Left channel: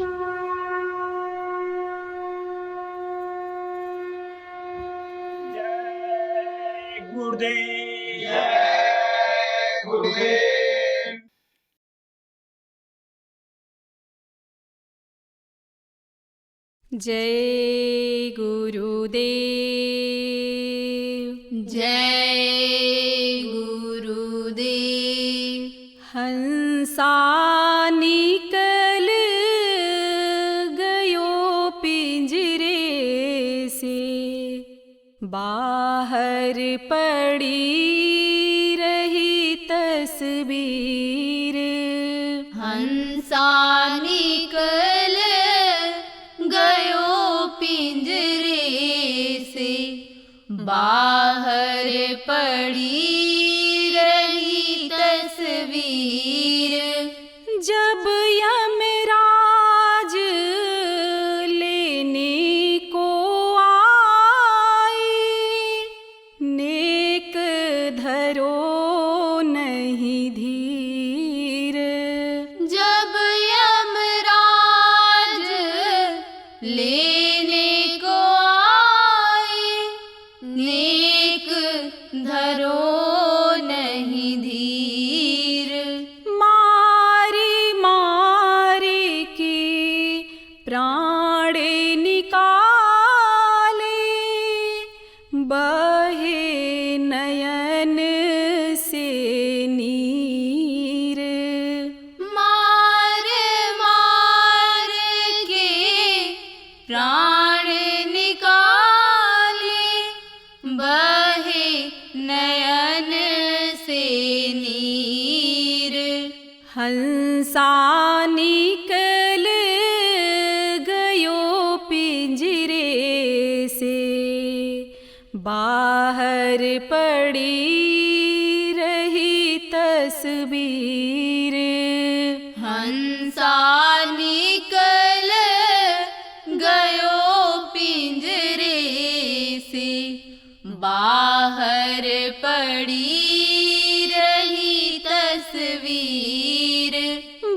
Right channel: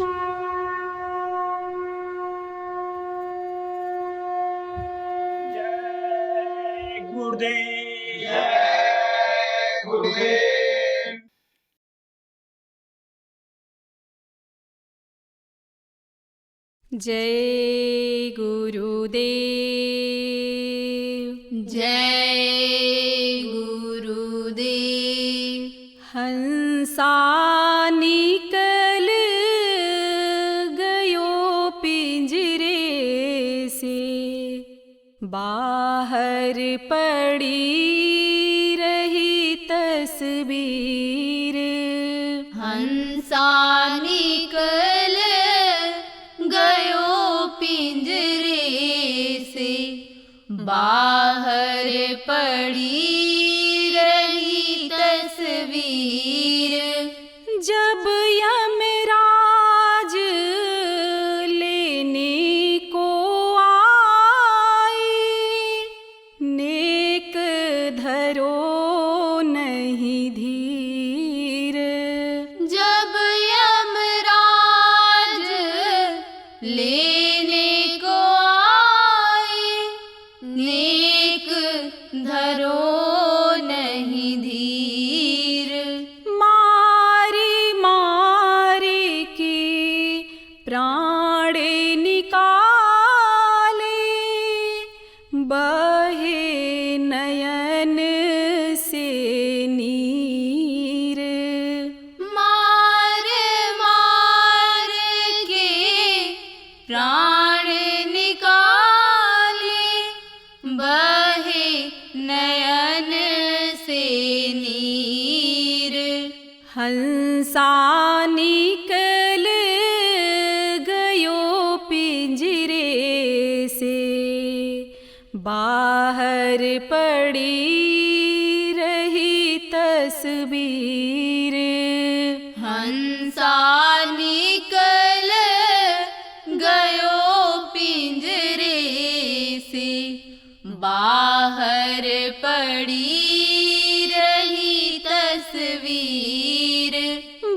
जय गुरुदेव। जय गुरुदेव। जय गुरुदेव। जय गुरुदेव। हंसा निकल गयो पिंजरे से, बाहर पड़ी रही तस्वीर। हंसा निकल गयो पिंजरे से, बाहर पड़ी रही तस्वीर। जब यमराज लेने को आए, नेक धरो नहीं धीर। जब यमराज लेने को आए, नेक धरो नहीं धीर। मारी मारी की प्राण निकाले, बहे नयन से नीर। मार मार के प्राण निकाले, बहे नयन से नीर। हंसा निकल गयो पिंजरे से, बाहर पड़ी रही तस्वीर। हंसा निकल गयो पिंजरे से, बाहर पड़ी रही तस्वीर।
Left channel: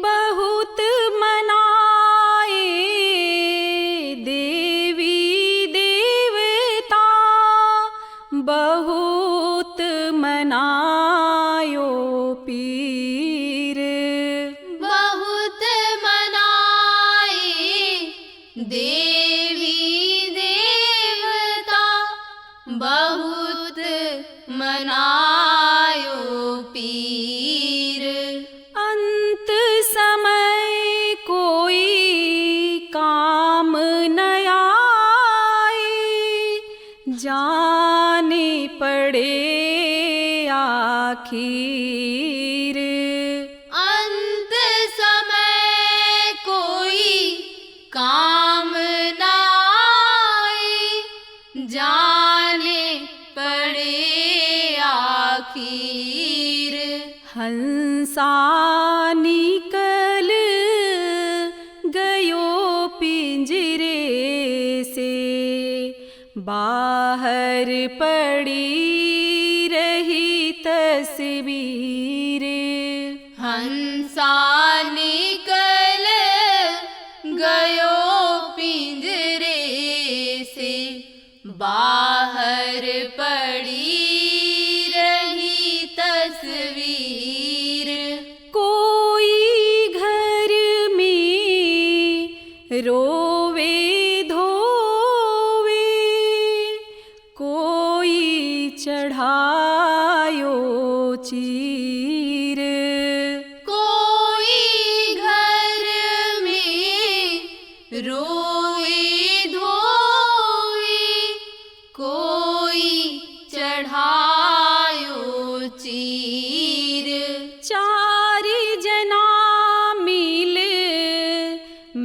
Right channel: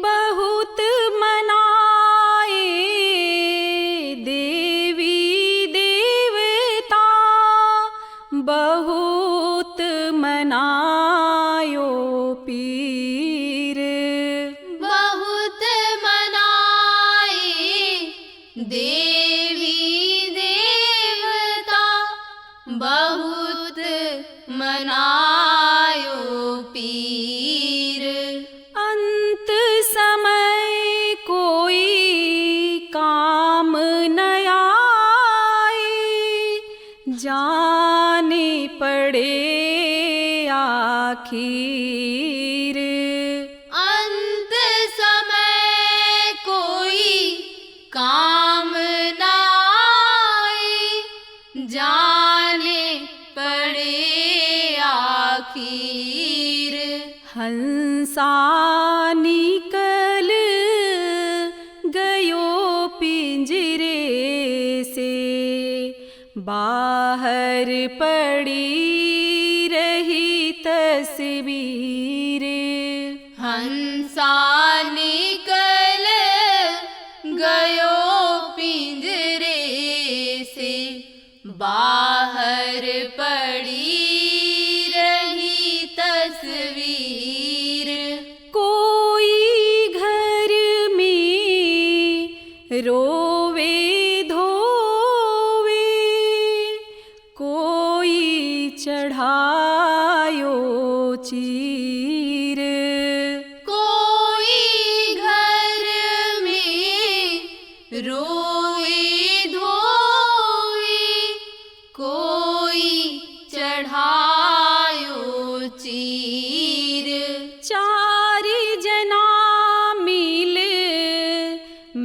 बहुत मनाए देवी देवता, बहुत मनायो पीर। बहुत मनाए देवी देवता, बहुत मनायो पीर। अंत समय कोई काम न आए, जाने पड़े आखिर। अंत समय कोई काम न आए, जाने पड़े आखिर। हंसा निकल गयो पिंजरे से, बाहर पड़ी रही तस्वीर। हंसा निकल गयो पिंजरे से, बाहर पड़ी रही तस्वीर। कोई घर में रोवे धोवे, कोई चढ़ायो चीर। कोई घर में रोए धोए, कोई चढ़ायो चीर। चार जना मिल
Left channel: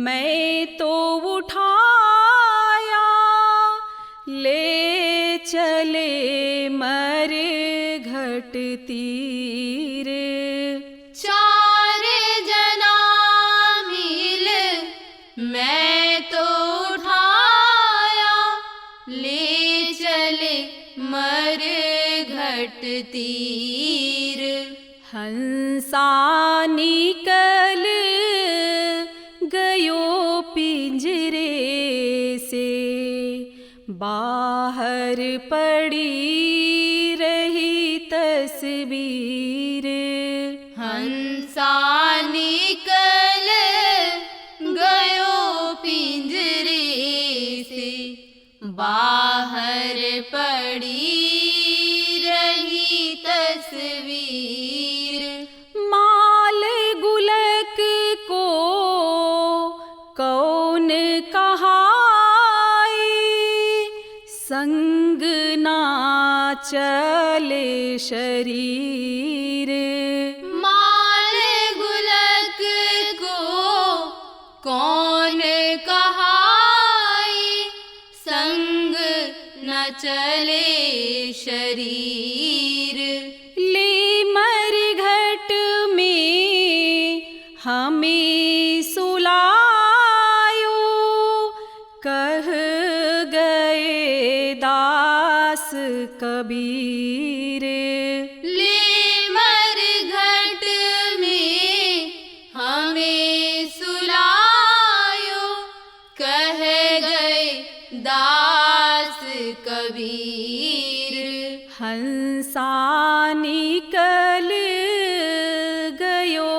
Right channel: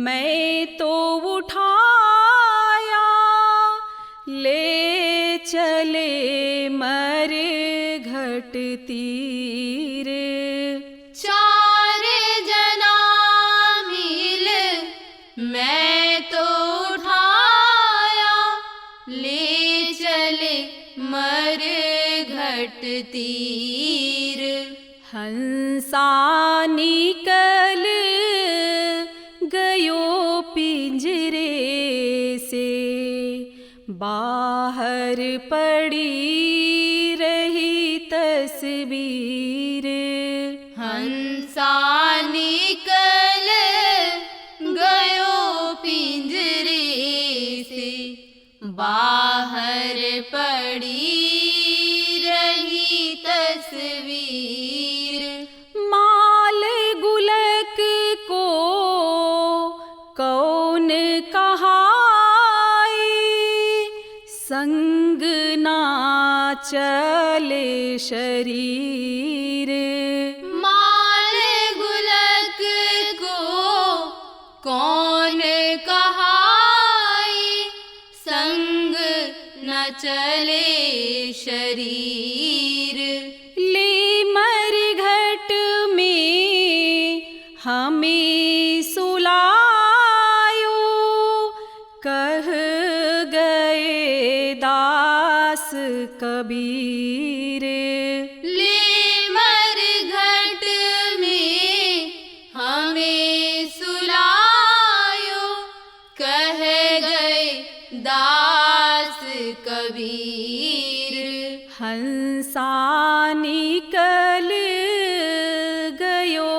मैं तो उठाया, ले चले मर घट तीर। चार जना मिल मैं तो उठाया, ले चले मर घट तीर। हंसा निकल गयो पिंजरे से, बाहर पड़ी रही तस्वीर। हंसा निकल गयो पिंजरे से, बाहर पड़ी रही तस्वीर। माल गुलक को कौन कहाए, संग ना चले शरीर। माल गुलक को कौन कहाए, संग न चले शरीर। ले मरघट में हमें सुलायो, कह गए दास कबीर। ले मरघट में हमें सुलायो, कह गए दास कबीर। हंसा निकल गयो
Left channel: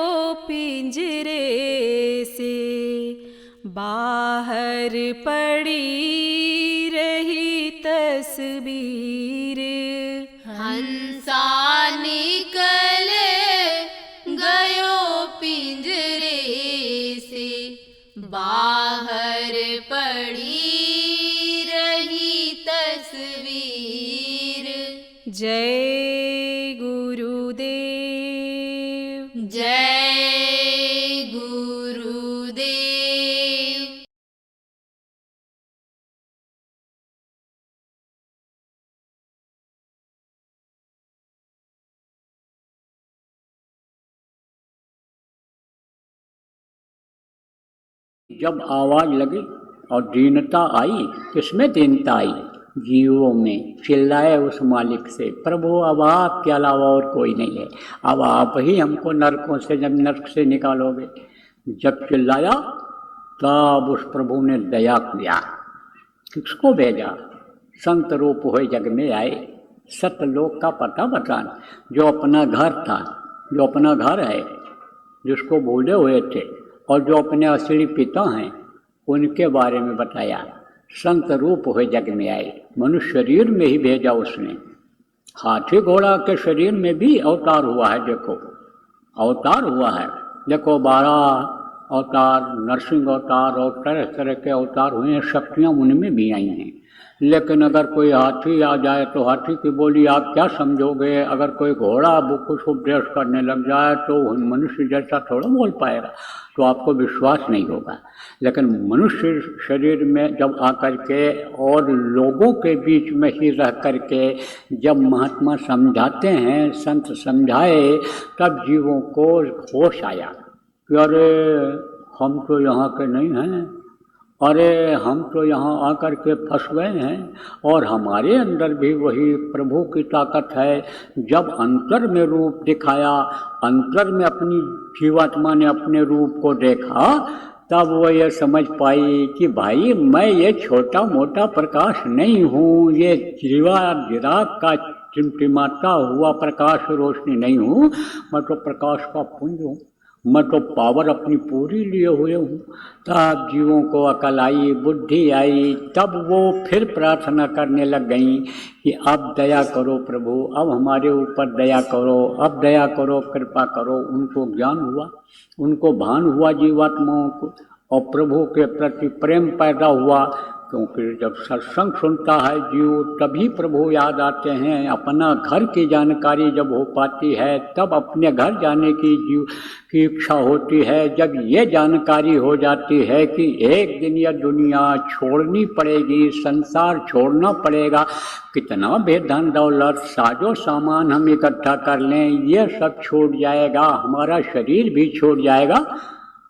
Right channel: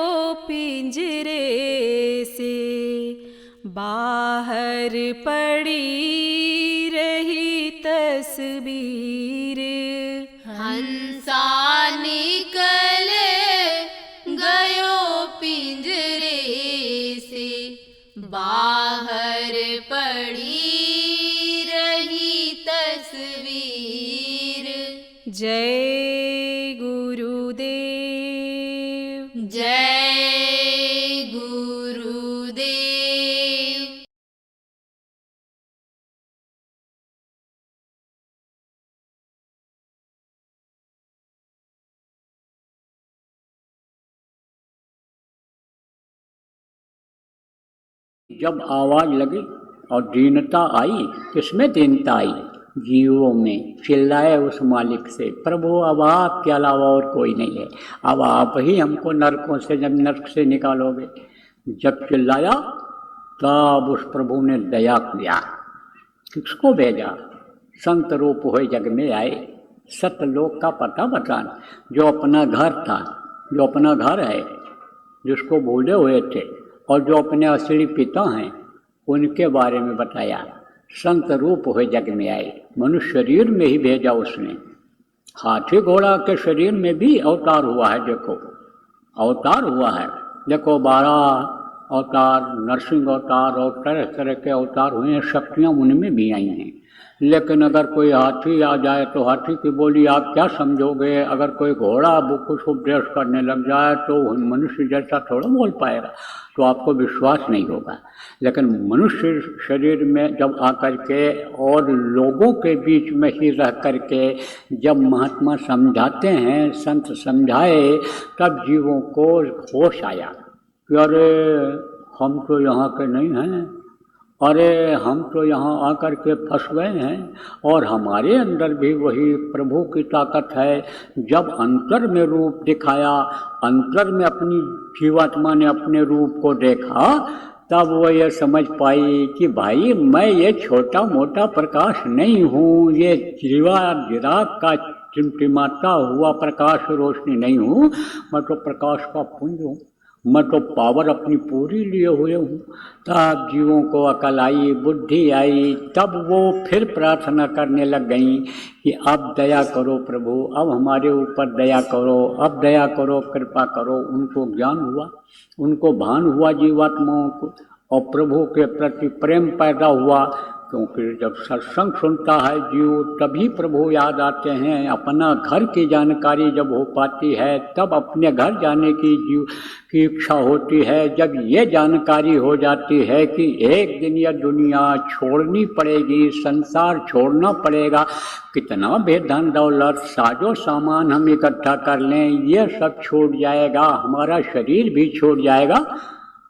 पिंजरे से, बाहर पड़ी रही तस्वीर। हंसा निकल गयो पिंजरे से, बाहर पड़ी रही तस्वीर। जय गुरुदेव। जय गुरुदेव। जब आवाज लगी और दीनता आई, किसमें दीनता आई? जीवों में। चिल्लाए उस मालिक से, प्रभु अब आपके अलावा और कोई नहीं है, अब आप ही हमको नरकों से, जब नरक से निकालोगे। जब चिल्लाया तब उस प्रभु ने दया किया। किसको भेजा? संत रूप हुए जग में आए, सतलोक का पता बतान। जो अपना घर था, जो अपना घर है, जिसको भूले हुए थे, और जो अपने असली पिता हैं उनके बारे में बताया। संत रूप हुए जग में आए, मनुष्य शरीर में ही भेजा उसने। हाथी घोड़ा के शरीर में भी अवतार हुआ है। देखो अवतार हुआ है, देखो 12 अवतार, नरसिंह अवतार और तरह तरह के अवतार हुए हैं। शक्तियाँ उनमें भी आई हैं। लेकिन अगर कोई हाथी आ जाए तो हाथी की बोली आप क्या समझोगे? अगर कोई घोड़ा कुछ उपदेश करने लग जाए तो मनुष्य जैसा थोड़ा बोल पाएगा, तो आपको विश्वास नहीं होगा। लेकिन मनुष्य शरीर में जब आकर के और लोगों के बीच में ही रह करके जब महात्मा समझाते हैं, सत्य समझाए, अरे हम तो यहाँ के नहीं हैं, अरे हम तो यहाँ आकर के फंस गए हैं। और हमारे अंदर भी वही प्रभु की ताकत है। जब अंतर में रूप दिखाया, अंतर में अपनी जीवात्मा ने अपने रूप को देखा, तब वो ये समझ पाई कि भाई मैं ये छोटा मोटा प्रकाश नहीं हूँ, ये चिराग का टिमटिमाता हुआ प्रकाश रोशनी नहीं हूँ, मैं तो प्रकाश का पुंज हूँ, मैं तो पावर अपनी पूरी लिए हुए हूँ। तब जीवों को अकल आई, बुद्धि आई, तब वो फिर प्रार्थना करने लग गई कि अब दया करो प्रभु, अब हमारे ऊपर दया करो, अब दया करो, कृपा करो। उनको ज्ञान हुआ, उनको भान हुआ जीवात्माओं को, और प्रभु के प्रति प्रेम पैदा हुआ। क्योंकि जब सत्संग सुनता है जीव, तभी प्रभु याद आते हैं। अपना घर की जानकारी जब हो पाती है, तब अपने घर जाने की जीव की इच्छा होती है। जब ये जानकारी हो जाती है कि एक दिन यह दुनिया छोड़नी पड़ेगी, संसार छोड़ना पड़ेगा, कितना भी धन दौलत साजो सामान हम इकट्ठा कर लें, ये सब छूट जाएगा, हमारा शरीर भी छूट जाएगा,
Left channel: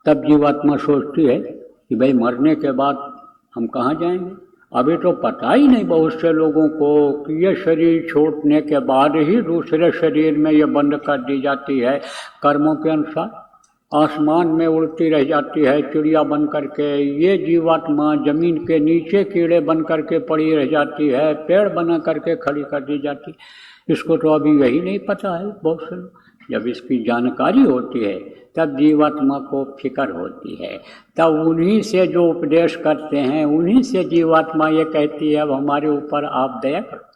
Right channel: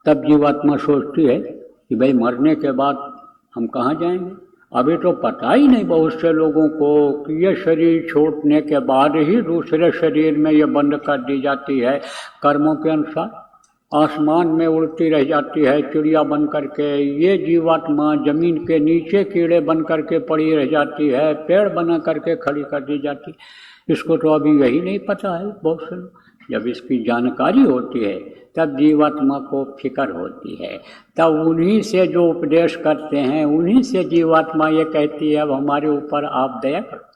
तब जीवात्मा सोचती है कि भाई मरने के बाद हम कहाँ जाएंगे। अभी तो पता ही नहीं बहुत से लोगों को कि ये शरीर छोड़ने के बाद ही दूसरे शरीर में ये बंद कर दी जाती है कर्मों के अनुसार। आसमान में उड़ती रह जाती है चिड़िया बन करके, ये जीवात्मा जमीन के नीचे कीड़े बन करके पड़ी रह जाती है, पेड़ बना करके खड़ी कर दी जाती। इसको तो अभी यही नहीं पता है बहुत से लोग। जब इसकी जानकारी होती है तब जीवात्मा को फिक्र होती है, तब उन्हीं से जो उपदेश करते हैं उन्हीं से जीवात्मा ये कहती है अब हमारे ऊपर आप दया करो।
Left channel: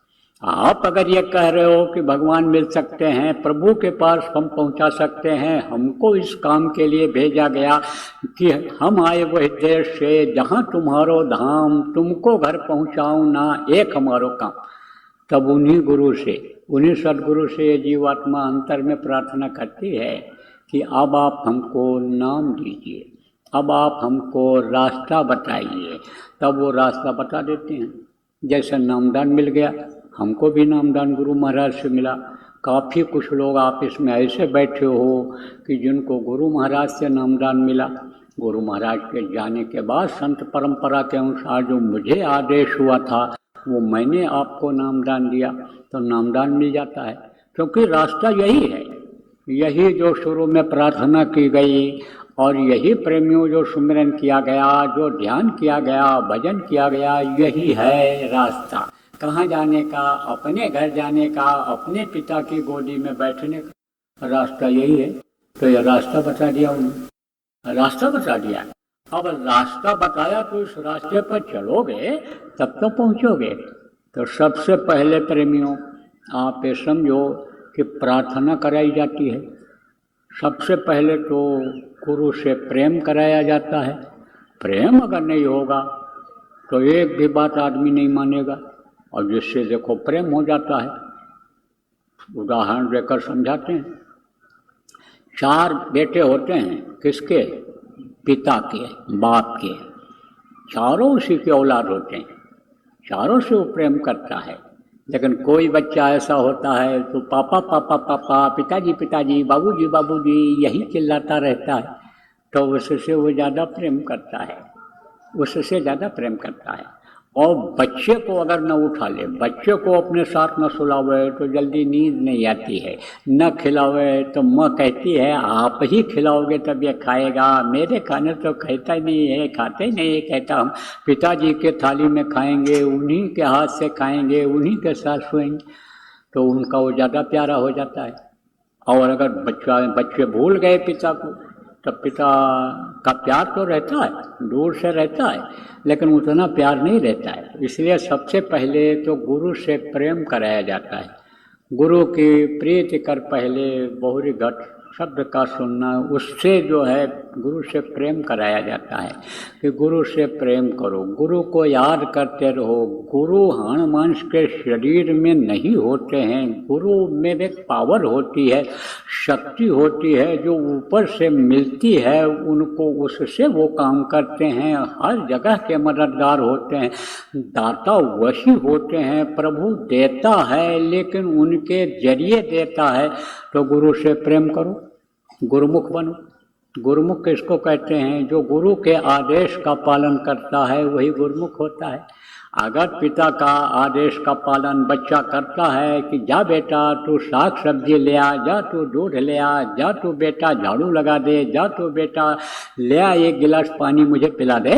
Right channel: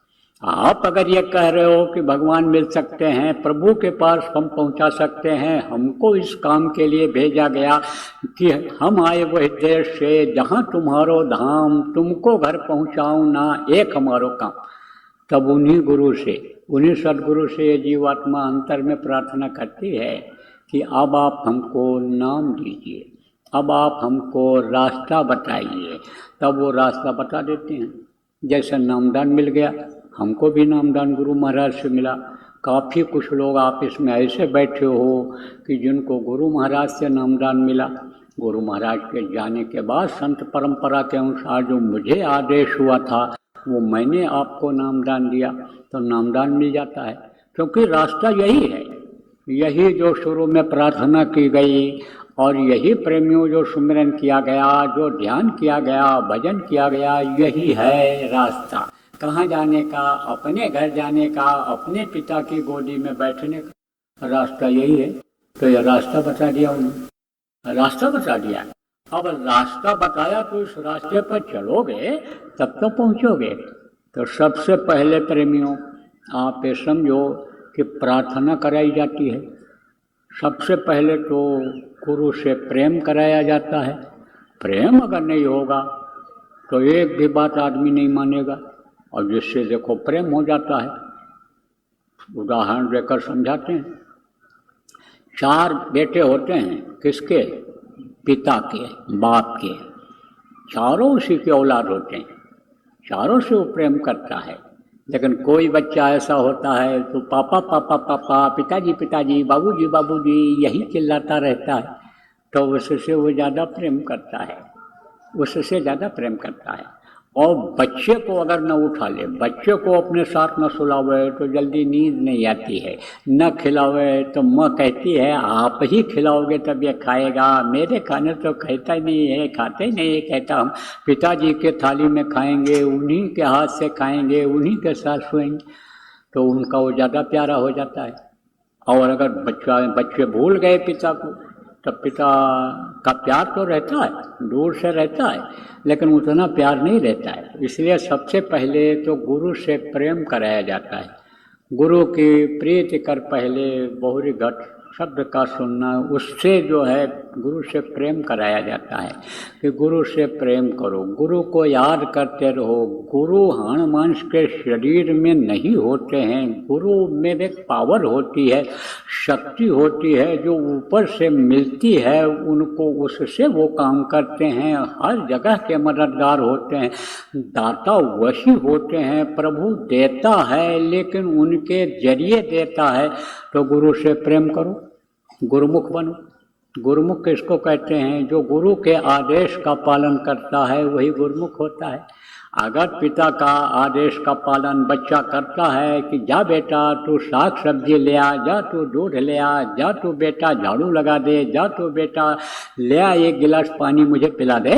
आप अगर ये कह रहे हो कि भगवान मिल सकते हैं, प्रभु के पास हम पहुंचा सकते हैं, हमको इस काम के लिए भेजा गया कि हम आए वह देश से जहाँ तुम्हारो धाम, तुमको घर पहुँचाऊँ ना एक हमारो काम, तब उन्हीं गुरु से, उन्हीं सदगुरु से ये जीवात्मा अंतर में प्रार्थना करती है कि अब आप हमको नाम दीजिए, अब आप हमको रास्ता बताइए। तब वो रास्ता बता देते हैं। जैसा नामदान मिल गया, हमको भी नामदान गुरु महाराज से मिला। काफ़ी कुछ लोग आप इसमें ऐसे बैठे हो कि जिनको गुरु महाराज से नामदान मिला। गुरु महाराज के जाने के बाद संत परंपरा के अनुसार जो मुझे आदेश हुआ था वो मैंने आपको नामदान दिया, तो नामदान मिल जाता है। क्योंकि रास्ता यही है, यही जो शुरू में प्रार्थना की गई और यही प्रेमियों जो सुमिरन किया गया, जो ध्यान किया गया, भजन किया गया, यही है रास्ता। कहाँ जाने का? अपने घर जाने का, अपने पिता की गोदी में बैठने का रास्ता यही है। तो ये रास्ता बता दिया उन्होंने, रास्ता बता दिया। अब रास्ता बताया तो इस रास्ते पर चलोगे तब तो पहुँचोगे। तो सबसे पहले प्रेमियों आप ये समझो कि प्रार्थना कराई जाती है। सबसे पहले तो गुरु से प्रेम कराया जाता है। प्रेम अगर नहीं होगा तो एक भी बात आदमी नहीं मानेगा, और जिससे देखो प्रेम हो जाता है। उदाहरण देकर समझाते हैं। 4 बेटे होते हैं, किसके? पिता के, बाप के। चारों उसी के औलाद होते हैं, चारों से वो प्रेम करता है। लेकिन कोई बच्चा ऐसा होता है तो पापा पापा पापा, पिताजी पिताजी, बाबूजी बाबूजी यही चिल्लाता रहता है, तो उससे वो ज़्यादा प्रेम करता है, उससे ज़्यादा प्रेम करता है। और बच्चे को अगर न उठा ले, बच्चे को अपने साथ न सुलावे तो जल्दी नींद नहीं आती है, न खिलावे तो माँ कहती है आप ही खिलाओगे तब ये खाएगा, मेरे खाने तो खाता ही नहीं है, खाते ही नहीं है। कहता हम पिताजी के थाली में खाएंगे, उन्हीं के हाथ से खाएंगे, उन्हीं के साथ सोएंगे, तो उनका वो ज़्यादा प्यारा हो जाता है। और अगर बच्चे भूल गए पिता को, तब पिता का प्यार तो रहता है, दूर से रहता है, लेकिन उतना प्यार नहीं रहता है। इसलिए सबसे पहले तो गुरु से प्रेम कराया जाता है। गुरु की प्रीति कर पहले बहुरी घट शब्द का सुनना, उससे जो है गुरु से प्रेम कराया जाता है कि गुरु से प्रेम करो, गुरु को याद करते रहो। गुरु हाड़ मांस के शरीर में नहीं होते हैं, गुरु में एक पावर होती है, शक्ति होती है जो ऊपर से मिलती है उनको, उससे वो काम करते हैं, हर जगह के मददगार होते हैं। दाता वही होते हैं, प्रभु देता है लेकिन उनके जरिए देता है। तो गुरु से प्रेम करो, गुरुमुख बनो। गुरुमुख किसको कहते हैं? जो गुरु के आदेश का पालन करता है वही गुरुमुख होता है। अगर पिता का आदेश का पालन बच्चा करता है कि जा बेटा तू साग सब्जी ले आ, जा तू दूध ले आ, जा तू बेटा झाड़ू लगा दे, जा तू बेटा ले आ 1 गिलास पानी मुझे पिला दे,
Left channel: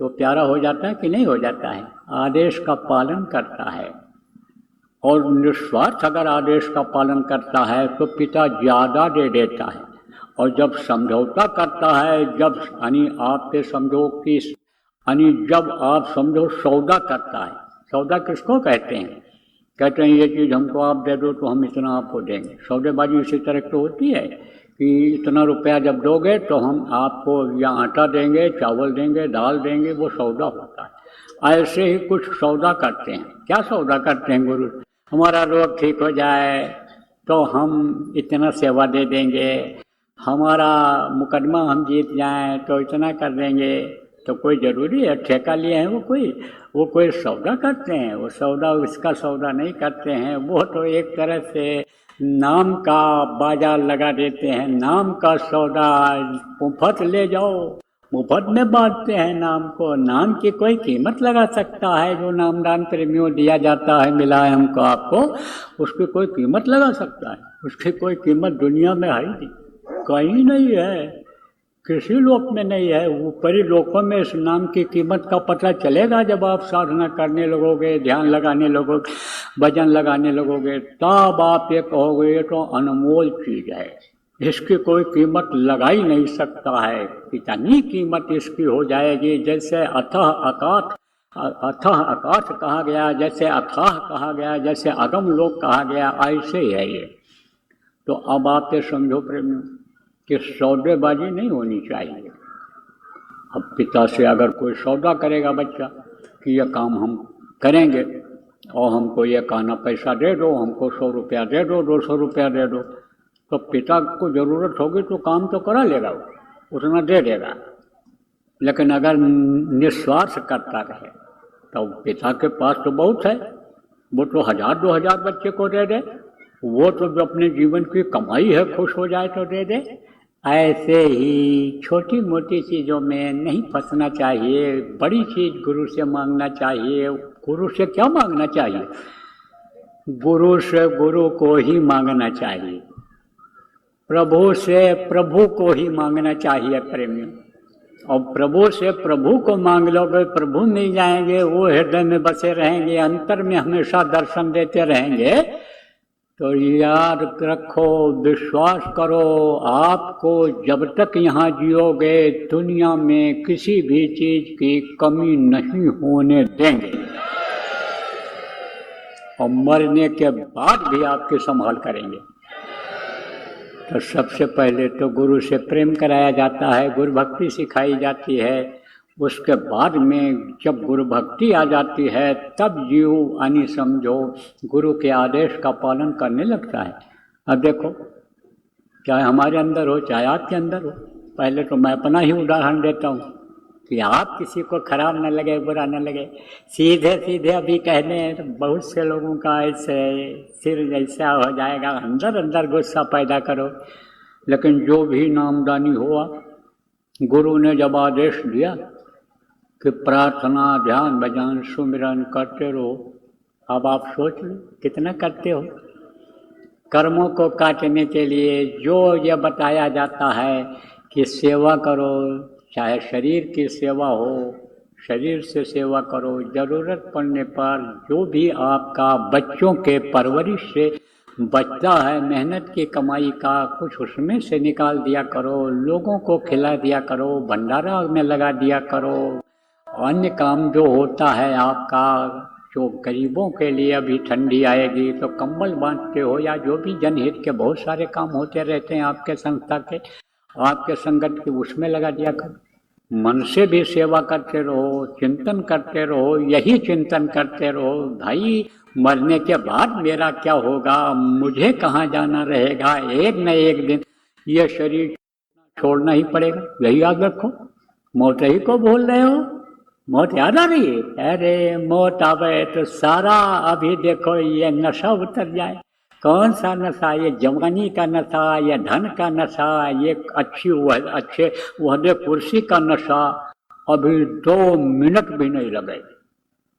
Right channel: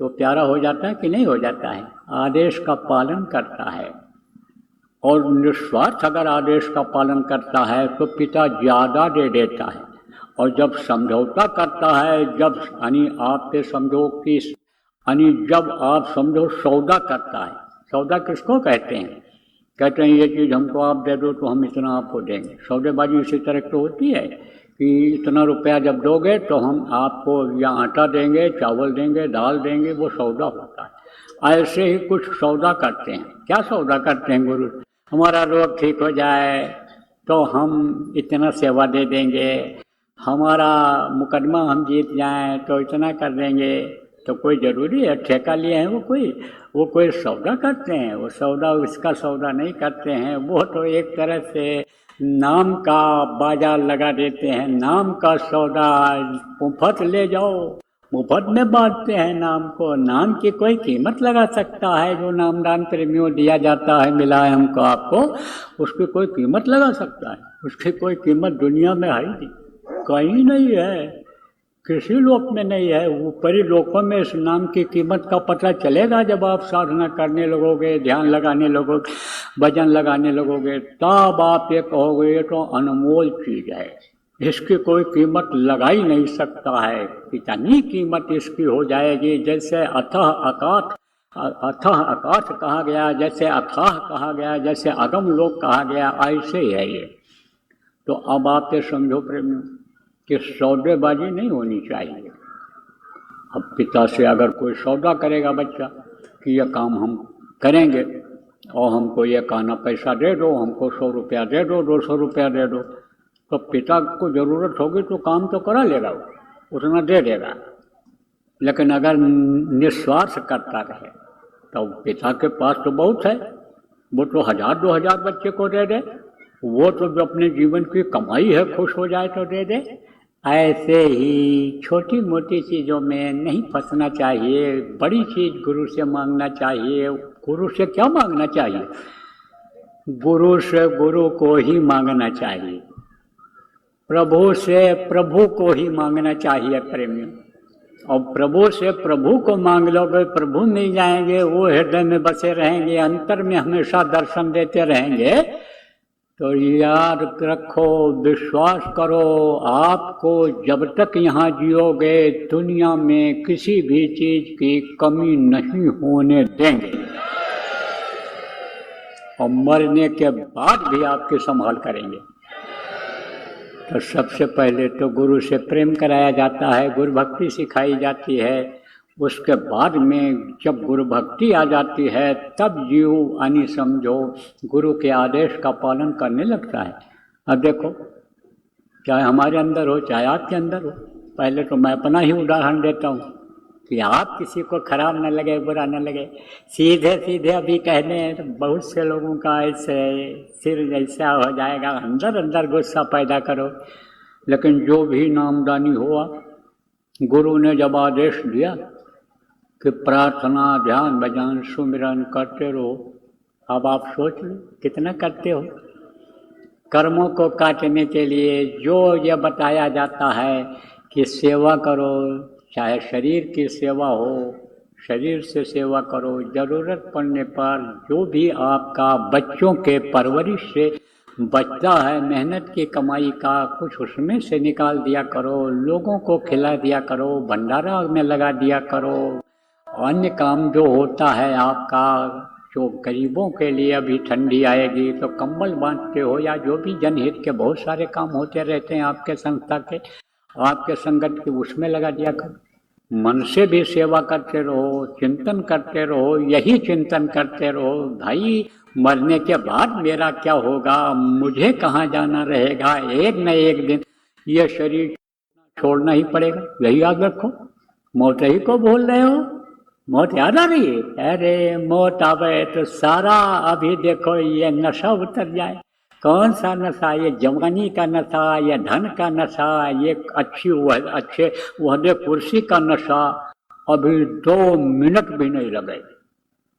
तो प्यारा हो जाता है कि नहीं हो जाता है? आदेश का पालन करता है। और निस्वार्थ अगर आदेश का पालन करता है तो पिता ज़्यादा दे देता है। और जब समझौता करता है, जब आप पे समझो कि जब आप समझो सौदा करता है, सौदा किसको कहते हैं? कहते हैं ये चीज़ हमको आप दे दो तो हम इतना आपको देंगे। सौदेबाजी इसी तरह तो होती है कि इतना रुपया जब दोगे तो हम आपको या आटा देंगे, चावल देंगे, दाल देंगे, वो सौदा होता है। ऐसे ही कुछ सौदा करते हैं। क्या सौदा करते हैं गुरु? हमारा रोग ठीक हो जाए तो हम इतना सेवा दे देंगे, हमारा मुकदमा हम जीत जाएं तो इतना कर देंगे। तो कोई ज़रूरी है ठेका लिए हैं वो कोई सौदा करते हैं? वो सौदा उसका सौदा नहीं करते हैं। वो तो एक तरह से नाम का बाजार लगा देते हैं, नाम का सौदा। मुफ्त ले जाओ, मुफ्त में बांटते हैं नाम को। नाम की कोई कीमत लगा सकता है? जो नामदान प्रेमियों दिया जाता है, मिला है हमको आपको, उसकी कोई कीमत लगा सकता है? उसकी कोई कीमत दुनिया में है ही नहीं। कहीं नहीं है, किसी लोक में नहीं है। ऊपरी लोकों में इस नाम की कीमत का पता चलेगा जब आप साधना करने लगोगे, ध्यान लगाने लगोगे, भजन लगाने लगोगे, तब आप ये कहोगे ये तो अनमोल चीज है, इसकी कोई कीमत लगा ही नहीं सकता है। इतनी कीमत इसकी हो जाएगी जैसे अथाह आकाश कहा गया, जैसे अथाह कहा गया, जैसे अगम लोक कहा गया, ऐसे ही है ये। तो अब आपके समझो प्रेम कि सौदेबाजी नहीं होनी चाहिए। अब पिता से अगर कोई सौदा करेगा बच्चा कि यह काम हम करेंगे और हमको ये कहना पैसा दे दो, हमको 100 रुपया दे दो, 200 रुपया दे दो, तो पिता को जरूरत होगी तो काम तो करा लेगा, वो उतना दे देगा। लेकिन अगर निस्वार्थ करता रहे तो पिता के पास तो बहुत है, वो तो 1000-2000 बच्चे को दे दे, वो तो जो अपने जीवन की कमाई है खुश हो जाए तो दे दे। ऐसे ही छोटी मोटी चीज़ों में नहीं फंसना चाहिए, बड़ी चीज़ गुरु से मांगना चाहिए। गुरु से क्या मांगना चाहिए? गुरु से गुरु को ही मांगना चाहिए, प्रभु से प्रभु को ही मांगना चाहिए प्रेमी। और प्रभु से प्रभु को मांग लोगे, प्रभु मिल जाएंगे, वो हृदय में बसे रहेंगे, अंतर में हमेशा दर्शन देते रहेंगे। तो याद रखो, विश्वास करो, आपको जब तक यहाँ जियोगे दुनिया में किसी भी चीज की कमी नहीं होने देंगे, और मरने के बाद भी आपकी संभाल करेंगे। तो सबसे पहले तो गुरु से प्रेम कराया जाता है, गुरु भक्ति सिखाई जाती है। उसके बाद में जब गुरु भक्ति आ जाती है तब जीव यानी समझो गुरु के आदेश का पालन करने लगता है। अब देखो, चाहे हमारे अंदर हो चाहे आपके अंदर हो, पहले तो मैं अपना ही उदाहरण देता हूँ कि आप किसी को खराब न लगे, बुरा न लगे, सीधे सीधे अभी कहने बहुत से लोगों का ऐसे सिर जैसा हो जाएगा, अंदर अंदर गुस्सा पैदा करो। लेकिन जो भी नामदानी हुआ, गुरु ने जब आदेश दिया कि प्रार्थना, ध्यान, भजन, सुमिरन करते रहो, अब आप सोच लो कितना करते हो। कर्मों को काटने के लिए जो ये बताया जाता है कि सेवा करो, चाहे शरीर की सेवा हो, शरीर से सेवा करो, ज़रूरत पड़ने पर जो भी आपका बच्चों के परवरिश से बचता है, मेहनत की कमाई का कुछ उसमें से निकाल दिया करो, लोगों को खिला दिया करो, भंडारा में लगा दिया करो। अन्य काम जो होता है आपका, जो गरीबों के लिए अभी ठंडी आएगी तो कंबल बांटते हो, या जो भी जनहित के बहुत सारे काम होते रहते हैं आपके संस्था के, आपके संगत के, उसमें लगा दिया करो। मन से भी सेवा करते रहो, चिंतन करते रहो, यही चिंतन करते रहो, भाई मरने के बाद मेरा क्या होगा, मुझे कहाँ जाना रहेगा, एक न एक दिन ये शरीर छोड़ना ही पड़ेगा, यही याद रखो। मौत ही को बोल रहे हो, मौत याद आ रही है? अरे मौत आवे तो सारा अभी देखो ये नशा उतर जाए। कौन सा नशा? ये जवानी का नशा, ये धन का नशा, ये अच्छे वहदे कुर्सी का नशा, अभी 2 मिनट भी नहीं लगे।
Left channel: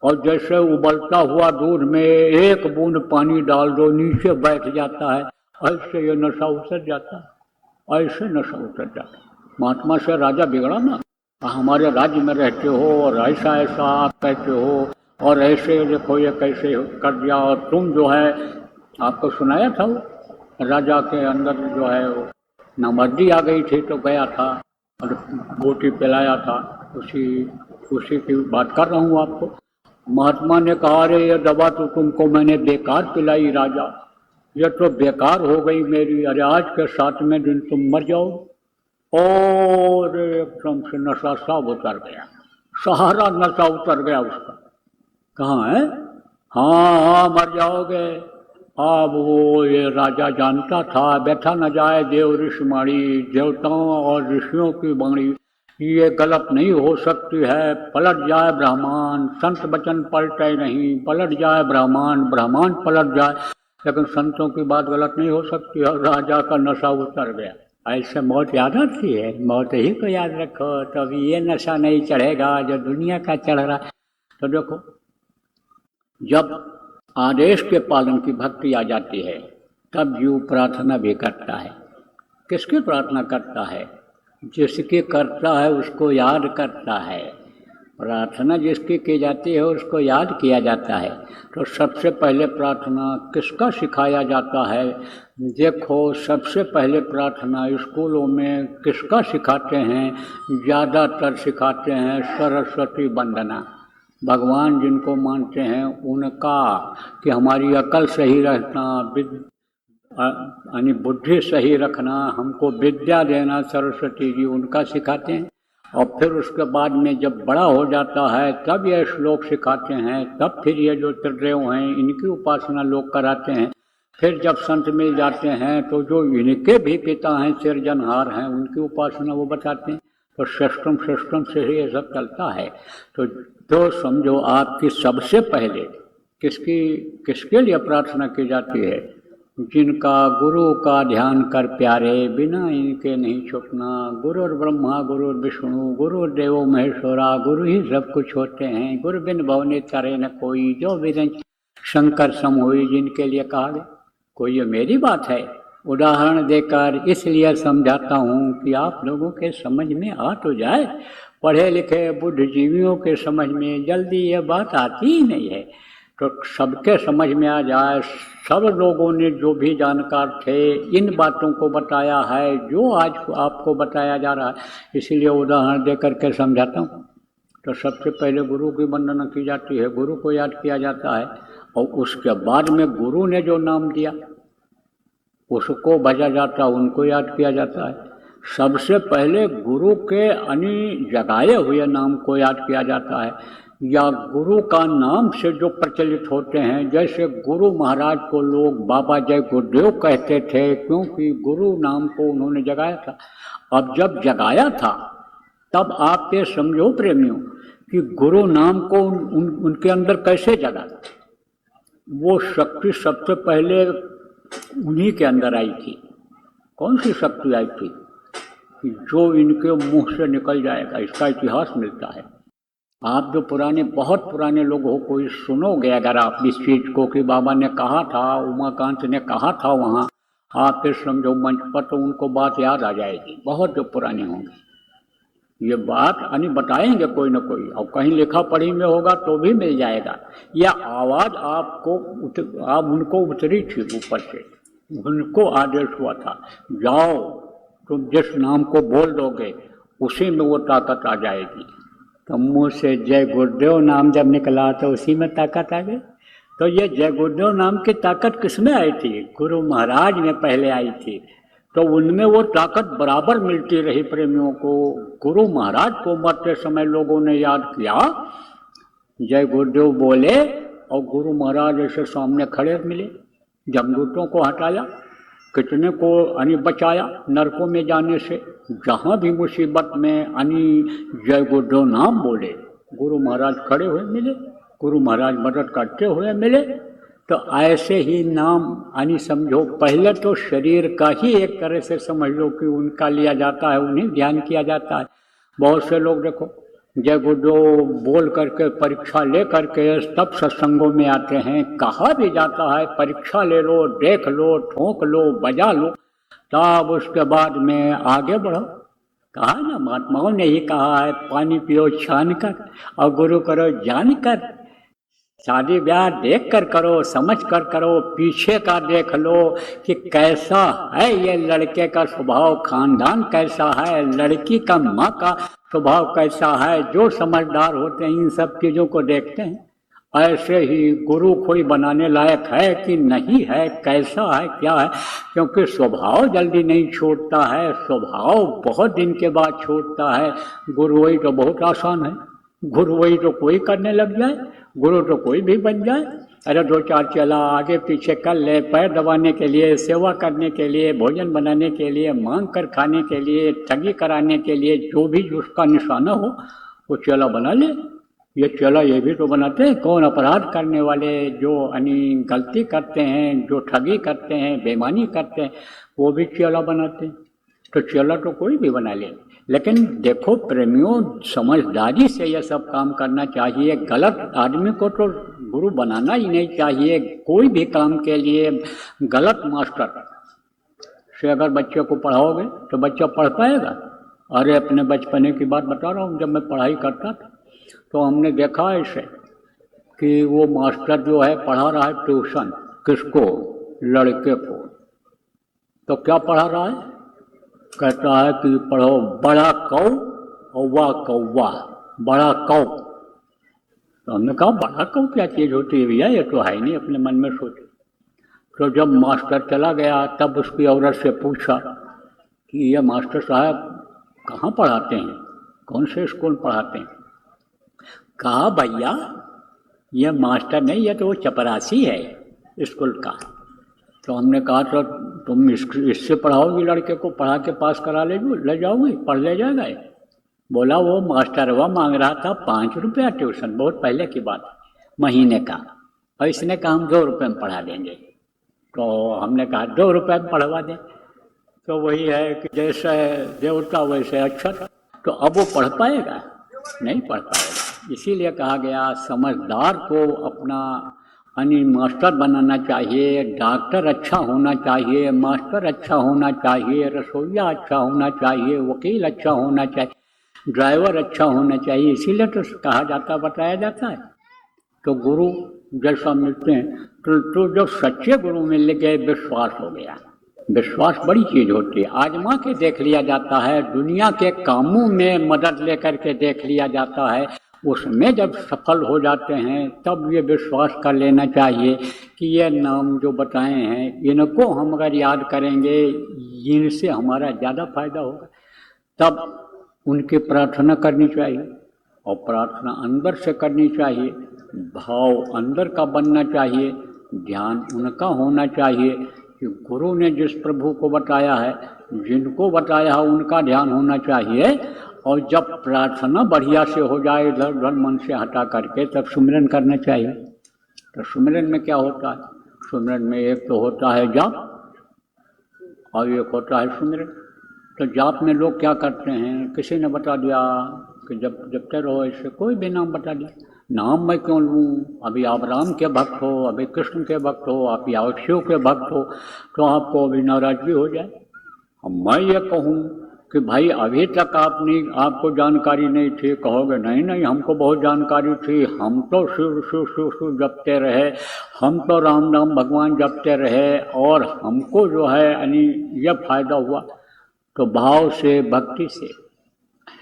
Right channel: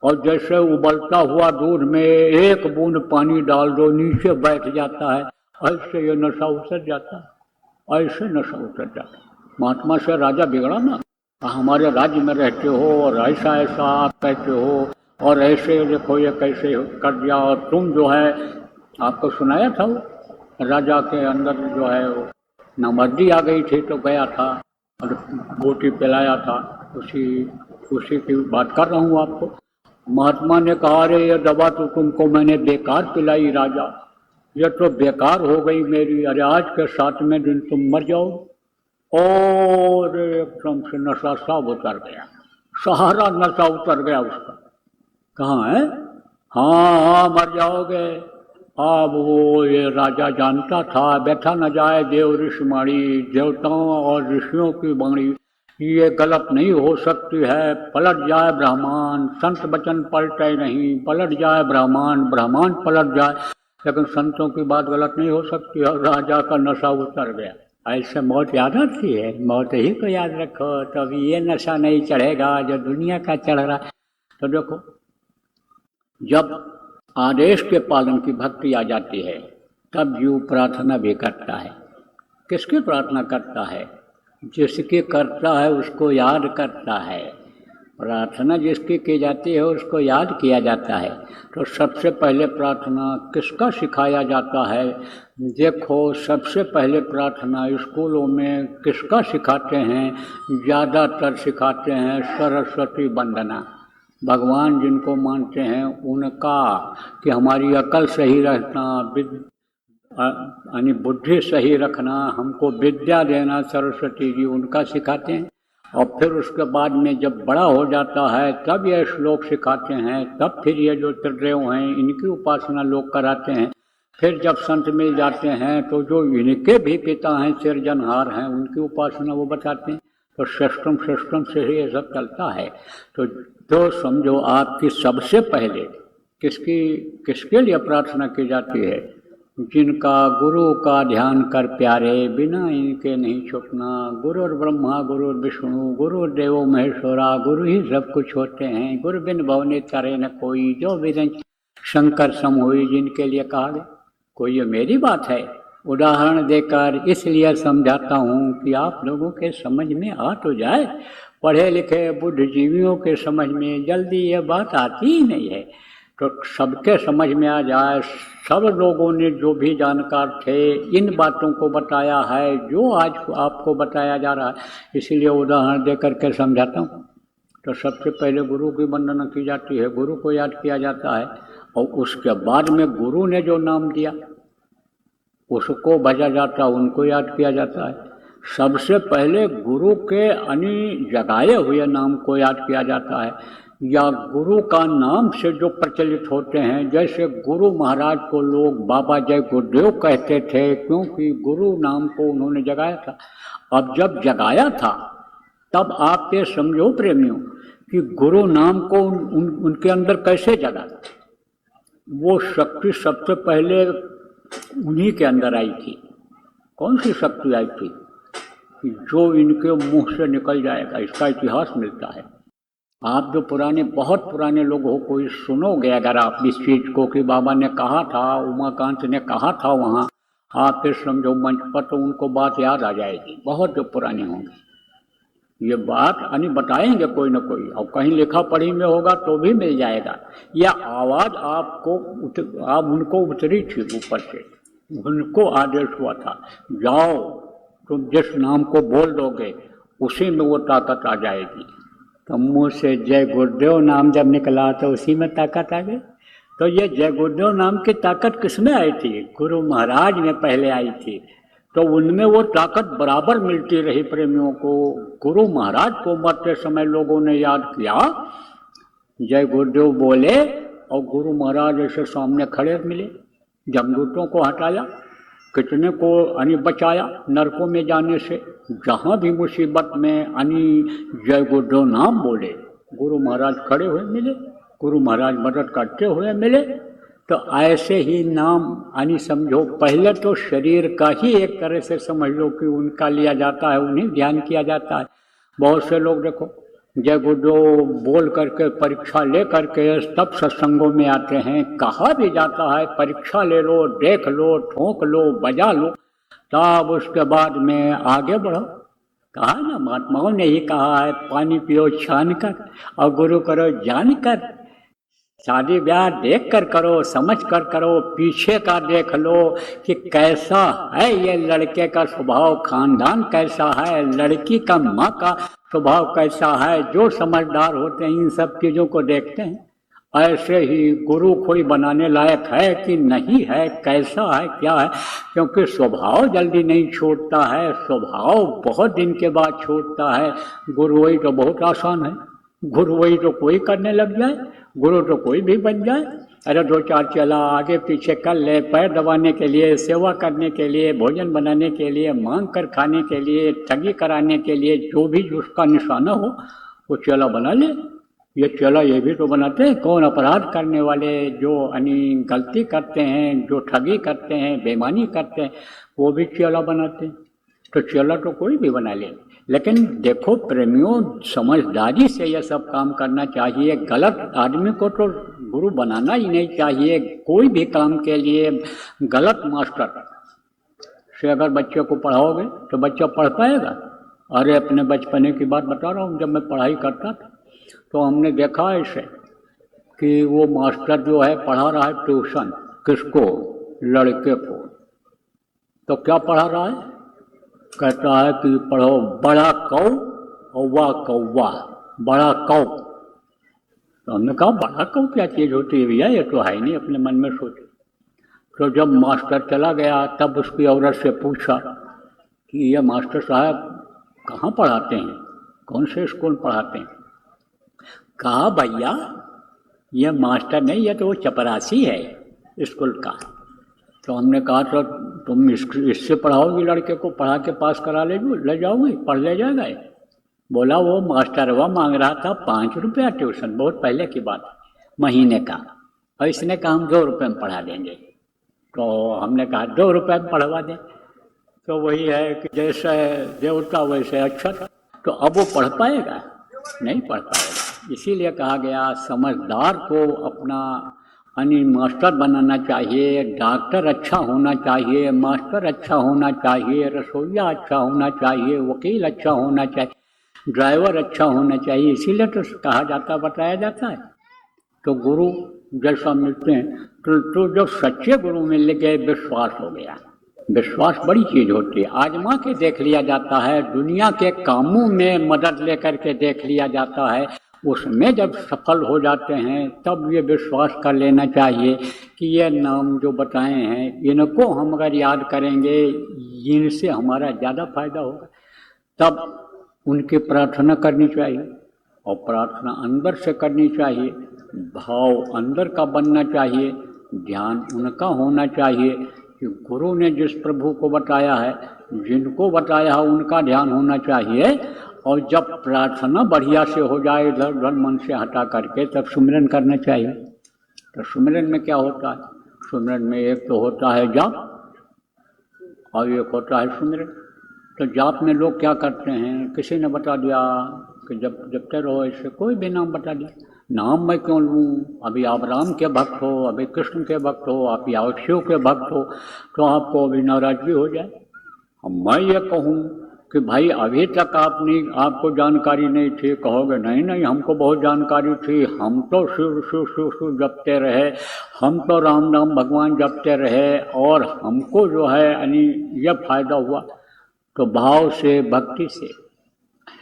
और जैसे उबलता हुआ दूध में एक बूंद पानी डाल दो, नीचे बैठ जाता है, ऐसे ये नशा उतर जाता है, ऐसे नशा उतर जाता है। महात्मा से राजा बिगड़ा ना, हमारे राज्य में रहते हो और ऐसा ऐसा आप कहते हो, और ऐसे देखो ये कैसे कर दिया। और तुम जो है, आपको सुनाया था वो राजा के अंदर जो है नामर्दी आ गई थी तो गया था और रोटी पिलाया था, उसी की बात कर रहा हूँ आपको। महात्मा ने कहा, अरे ये दवा तो तुमको मैंने बेकार पिलाई राजा, ये तो बेकार हो गई मेरी, अरे आज के 7वें दिन तुम मर जाओ। और एकदम से नशा सब उतर गया, सहारा नशा उतर गया उसका। कहाँ है? हाँ मर जाओगे। अब वो ये राजा जानता था, बैठा न जाए देव ऋषिमाणी, देवताओं और ऋषियों की वाणी ये गलत नहीं हो सकती है। पलट जाए ब्राह्मण, संत वचन पलटे नहीं, पलट जाए ब्राह्मण, ब्राह्मण पलट जाए, लेकिन संतों की बात गलत नहीं हो सकती है। राजा का नशा उतर गया। ऐसे मौत याद आती है, मौत ही को याद रखो, तो अभी ये नशा नहीं चढ़ेगा जो दुनिया का चढ़ रहा। तो देखो, जब आदेश के पालन की भक्ति आ जाती है तब जीव प्रार्थना भी करता है। किसकी प्रार्थना करता है? जिसकी करता है उसको याद करता है। प्रार्थना जिसकी की जाती है उसको याद किया जाता है। तो सबसे पहले प्रार्थना किसका सिखाया जाता है? देखो, सबसे पहले प्रार्थना स्कूलों में किसका सिखाते हैं? ज़्यादातर सिखाते हैं सरस्वती वंदना। भगवान जिनको मानते हैं उनका, कि हमारी अकल सही रहना, यानी बुद्धि सही रखना, हमको विद्या देना, सरस्वती जी उनका सिखाते हैं। और फिर उसके बाद में जब बड़ा हो जाता है तब ये श्लोक सिखाते हैं, तब फिर ये जो त्रिदेव हैं इनकी उपासना लोग कराते हैं। फिर जब संत मिल जाते हैं तो जो इनके भी पिता हैं, सिरजनहार हैं, उनकी उपासना वो बताते हैं। तो सिस्टम से ही ये सब चलता है। तो समझो आपकी सबसे पहले किसके लिए प्रार्थना की जाती है? जिनका गुरु का ध्यान कर प्यारे, बिना इनके नहीं छुपना। गुरुर् ब्रह्मा गुरुर् विष्णु गुरुर्देवो महेश्वरा, गुरु ही सब कुछ होते हैं। गुरु बिन भवने करे न कोई, जो विरन शंकर सम होई, जिनके लिए कहा गया। कोई ये मेरी बात है, उदाहरण देकर इसलिए समझाता हूँ कि आप लोगों के समझ में आ तो जाए। पढ़े लिखे बुद्धिजीवियों के समझ में जल्दी ये बात आती ही नहीं है। तो सबके समझ में आ जाए। सब लोगों ने जो भी जानकार थे इन बातों को बताया है जो आज आपको बताया जा रहा है, इसीलिए उदाहरण दे करके समझाता हूँ। तो सबसे पहले गुरु की वंदना की जाती है, गुरु को याद किया जाता है। और उसके बाद में गुरु ने जो नाम दिया उसको भजा जाता है, उनको याद किया जाता है। सबसे पहले गुरु के जगाए हुए नाम को याद किया जाता है, या गुरु का नाम से जो प्रचलित होते हैं। जैसे गुरु महाराज को लोग बाबा जय गुरुदेव कहते थे, क्योंकि गुरु नाम को उन्होंने जगाया था। अब जब जगाया था तब आप ये समझो प्रेमियों कि गुरु नाम को उनके अंदर कैसे जगा। वो शक्ति सबसे पहले उन्हीं के अंदर आई थी। कौन सी शक्ति आई थी? जो इनके मुंह से निकल जाएगा, इसका इतिहास मिलता है। आप जो बहुत पुराने लोगों को सुनोगे अगर आप इस चीज को कि बाबा ने कहा था, उमाकांत ने कहा था वहाँ, तो फिर समझो मंच पर तो उनको बात याद आ जाएगी। बहुत जो पुराने होंगे ये बात बताएंगे कोई ना कोई, और कहीं लिखा पढ़ी में होगा तो भी मिल जाएगा। यह आवाज आप उनको उतरी थी ऊपर से, उनको आदेश हुआ था जाओ तुम जिस नाम को बोल दोगे उसी में वो ताकत आ जाएगी। तो मुँह से जय गुरुदेव नाम जब निकला तो उसी में ताकत आ गई। तो ये जय गुरुदेव नाम की ताकत किसमें आई थी? गुरु महाराज में पहले आई थी। तो उनमें वो ताकत बराबर मिलती रही प्रेमियों को। गुरु महाराज को मरते समय लोगों ने याद किया, जय गुरुदेव बोले, और गुरु महाराज ऐसे सामने खड़े मिले। जमदूतों को हटाया, कितने को बचाया नरकों में जाने से। जहाँ भी मुसीबत में जय गुरुदेव नाम बोले, गुरु महाराज खड़े हुए मिले, गुरु महाराज मदद करते हुए मिले। तो ऐसे ही नाम समझो पहले तो शरीर का ही एक तरह से समझ लो कि उनका लिया जाता है, उन्हें ध्यान किया जाता है। बहुत से लोग देखो जय गुरुदेव बोल करके परीक्षा ले करके तब सत्संगों में आते हैं। कहा भी जाता है परीक्षा ले लो, देख लो, ठोंक लो, बजा लो, तब उसके बाद में आगे बढ़ो। कहा ना, महात्माओं ने ही कहा है, पानी पियो छान कर और गुरु करो जान कर। शादी ब्याह देख कर करो, समझ कर करो, पीछे का देख लो कि कैसा है ये लड़के का स्वभाव, खानदान कैसा है, लड़की का माँ का स्वभाव कैसा है। जो समझदार होते हैं इन सब चीज़ों को देखते हैं। ऐसे ही गुरु कोई बनाने लायक है कि नहीं है, कैसा है, क्या है, क्योंकि स्वभाव जल्दी नहीं छोड़ता है, स्वभाव बहुत दिन के बाद छोड़ता है। गुरु वही तो बहुत आसान है, गुरु वही तो कोई करने लग जाए, गुरु तो कोई भी बन जाए। अरे दो चार चला आगे पीछे कर ले, पैर दबाने के लिए, सेवा करने के लिए, भोजन बनाने के लिए, मांग कर खाने के लिए, ठगी कराने के लिए, जो भी उसका निशाना हो वो चेला बना ले। ये चेला ये भी तो बनाते हैं। कौन? अपराध करने वाले, जो गलती करते हैं, जो ठगी करते हैं, बेईमानी करते हैं, वो भी चेला बनाते हैं। तो चेला तो कोई भी बना ले। लेकिन देखो प्रेमियों, समझदारी से यह सब काम करना चाहिए। गलत आदमी को तो गुरु बनाना ही नहीं चाहिए। कोई भी काम के लिए गलत मास्टर से अगर बच्चे को पढ़ाओगे तो बच्चा पढ़ पाएगा? अरे अपने बचपने की बात बता रहा हूँ, जब मैं पढ़ाई करता था तो हमने देखा ऐसे कि वो मास्टर जो है पढ़ा रहा है ट्यूशन, किसको? लड़के को। तो क्या पढ़ा रहा है? कहता है कि पढ़ो बड़ा कौ कौवा कौवा, बड़ा कौ। तो हमने कहा बड़ा कौ क्या चीज़ होती है भैया, ये तो है नहीं, अपने मन में सोचे। तो जब मास्टर चला गया तब उसकी औरत से पूछा कि ये मास्टर साहब कहाँ पढ़ाते हैं, कौन से स्कूल पढ़ाते हैं? कहा भैया ये मास्टर नहीं, ये तो वो चपरासी है स्कूल का। तो हमने कहा तो तुम इससे पढ़ाओगी लड़के को, पढ़ा के पास करा ले जाओगी, पढ़ ले जाएगा? बोला वो मास्टरवा मांग रहा था 5 रुपया ट्यूशन, बहुत पहले की बात, महीने का, और इसने कहा हम 2 रुपये में पढ़ा देंगे। तो हमने कहा 2 रुपये में पढ़वा दें। तो वही है कि जैसा देवता वैसे अच्छा था। तो अब वो पढ़ पाएगा? नहीं पढ़ पाएगा। इसीलिए कहा गया समझदार को अपना मास्टर बनाना चाहिए, डॉक्टर अच्छा होना चाहिए, मास्टर अच्छा होना चाहिए, रसोइया अच्छा होना चाहिए, वकील अच्छा होना चाहिए, ड्राइवर अच्छा होना चाहिए। इसीलिए तो कहा जाता, बताया जाता है। तो गुरु जैसा मिलते हैं तो जब सच्चे गुरु मिल गए विश्वास हो गया। विश्वास बड़ी चीज़ होती है, आजमा के देख लिया जाता है, दुनिया के कामों में मदद लेकर के देख लिया जाता है। उसमें जब सफल हो जाते हैं तब ये विश्वास कर लेना चाहिए कि ये नाम जो बताए हैं इनको हम अगर याद करेंगे, इनसे हमारा ज़्यादा फायदा होगा। तब उनकी प्रार्थना करनी चाहिए, और प्रार्थना अंदर से करनी चाहिए, भाव अंदर का बनना चाहिए, ध्यान उनका होना चाहिए कि गुरु ने जिस प्रभु को बताया है, जिनको बताया है उनका ध्यान होना चाहिए। और जब प्रार्थना बढ़िया से हो जाए इधर उधर मन से हटा करके, तब सुमिरन करना चाहिए। तो सुमिरन में क्या होता है? सुमिरन में एक तो होता है जाप और एक होता है सुमिरन। तो जाप में लोग क्या करते हैं, किसी ने बता दिया कि जब जपते रहो, इससे कोई भी नाम बता दिया, नाम मैं क्यों लूँ? अभी आप राम के भक्त हो, अभी कृष्ण के भक्त हो, आप या शिव के भक्त हो, तो आपको अभी नाराजगी हो जाए। मैं ये कहूँ कि भाई अभी तक आपको जानकारी नहीं थी, कहोगे नहीं नहीं हमको बहुत जानकारी थी, हम तो शिव शिव शिव शिव जपते रहे, हम तो राम राम भगवान जपते रहे और हमको जो है यानी यह फायदा हुआ। तो भाव से, भक्ति से,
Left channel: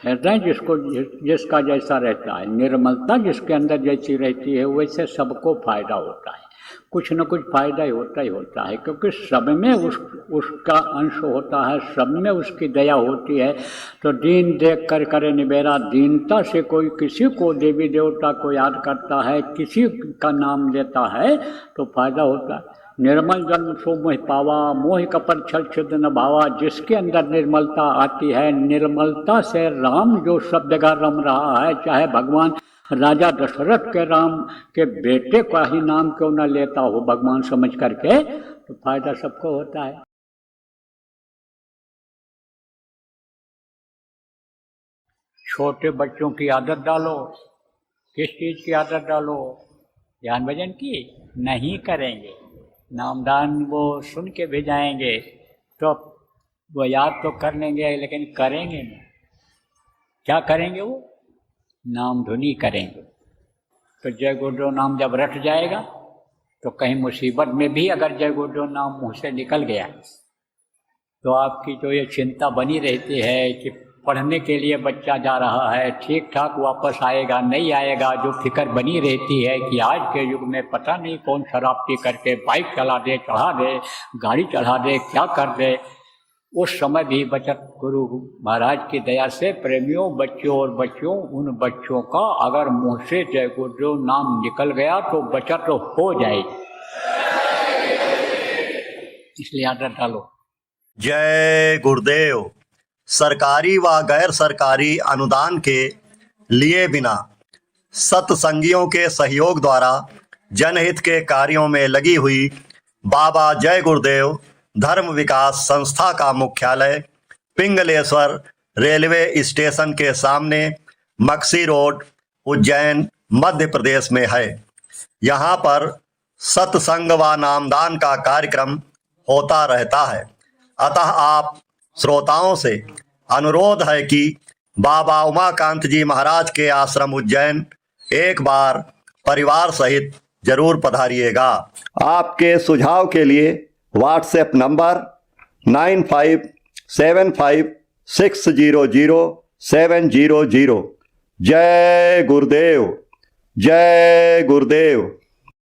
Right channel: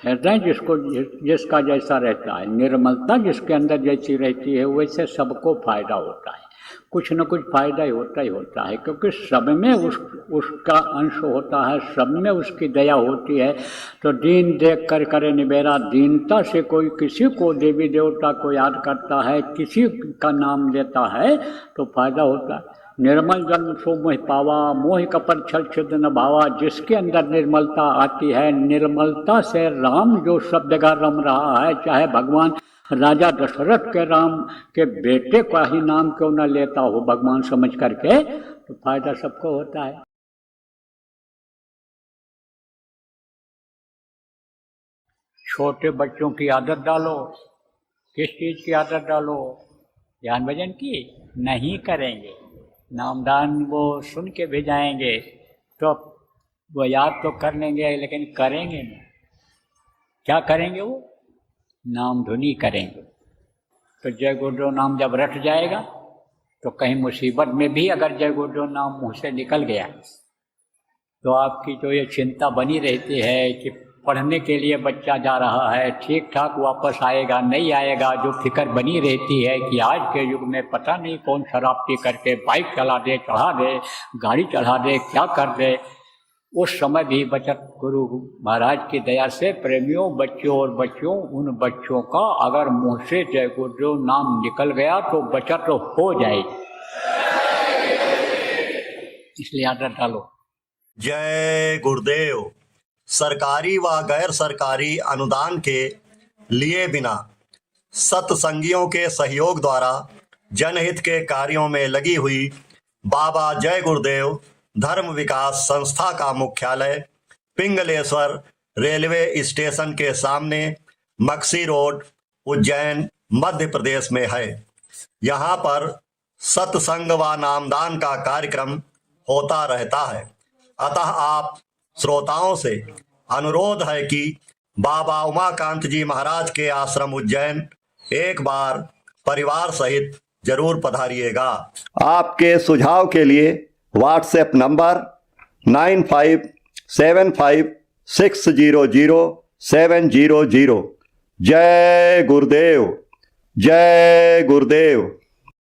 हृदय जिसका जैसा रहता है, निर्मलता जिसके अंदर जैसी रहती है, वैसे सबको फायदा होता है। कुछ न कुछ फायदा होता ही होता है, क्योंकि सब में उसका अंश होता है, सब में उसकी दया होती है। तो दीन देख कर करे निबेरा, दीनता से कोई किसी को देवी देवता को याद करता है, किसी का नाम लेता है तो फायदा होता है। निर्मल जन्म सो मोह पावा, मोह कपट छल छिद न भावा। जिसके अंदर निर्मलता आती है, निर्मलता से राम जो सब जगह रम रहा है, चाहे भगवान राजा दशरथ के राम के बेटे का ही नाम क्यों न लेता हो भगवान समझ करके, तो फायदा सबको होता है। छोटे बच्चों की आदत डालो। किस चीज़ की आदत डालो? ध्यान भजन की नहीं करेंगे, नामदान वो सुन के भेजाएंगे तो वो याद तो कर लेंगे लेकिन करेंगे नहीं। क्या करेंगे? वो नाम धुनी करेंगे। तो जय गुरुदेव नाम जब रट जाएगा तो कहीं मुसीबत में भी अगर जय गुरुदेव नाम मुँह से निकल गया तो आपकी जो ये चिंता बनी रहती है कि पढ़ने के लिए बच्चा जा रहा है, ठीक ठाक वापस आएगा नहीं आएगा, जो फिक्र बनी रहती है कि आज के युग में पता नहीं कौन शराब पी करके बाइक चला दे, चढ़ा दे, गाड़ी चढ़ा दे, क्या कर दे। उस समय भी बचत गुरु महाराज की दया से प्रेमियों, बच्चों और बच्चों, उन बच्चों का अगर मुँह से जय गुरुदेव नाम निकल गया तो बचत तो हो जाएगी। इसलिए आदत डालो। जय गुरुदेव। सरकारी व गैर सरकारी अनुदान के लिए बिना सत्संगियों के सहयोग द्वारा जनहित के कार्यों में लगी हुई बाबा जय गुरुदेव धर्म विकास संस्था का मुख्यालय पिंगलेश्वर रेलवे स्टेशन के सामने मक्सी रोड, उज्जैन, मध्य प्रदेश में है। यहाँ पर सत्संग व नामदान का कार्यक्रम होता रहता है। अतः आप श्रोताओं से अनुरोध है कि बाबा उमाकांत जी महाराज के आश्रम उज्जैन एक बार परिवार सहित जरूर पधारिएगा। आपके सुझाव के लिए व्हाट्सएप नंबर 9575600700। जय गुरुदेव, जय गुरुदेव।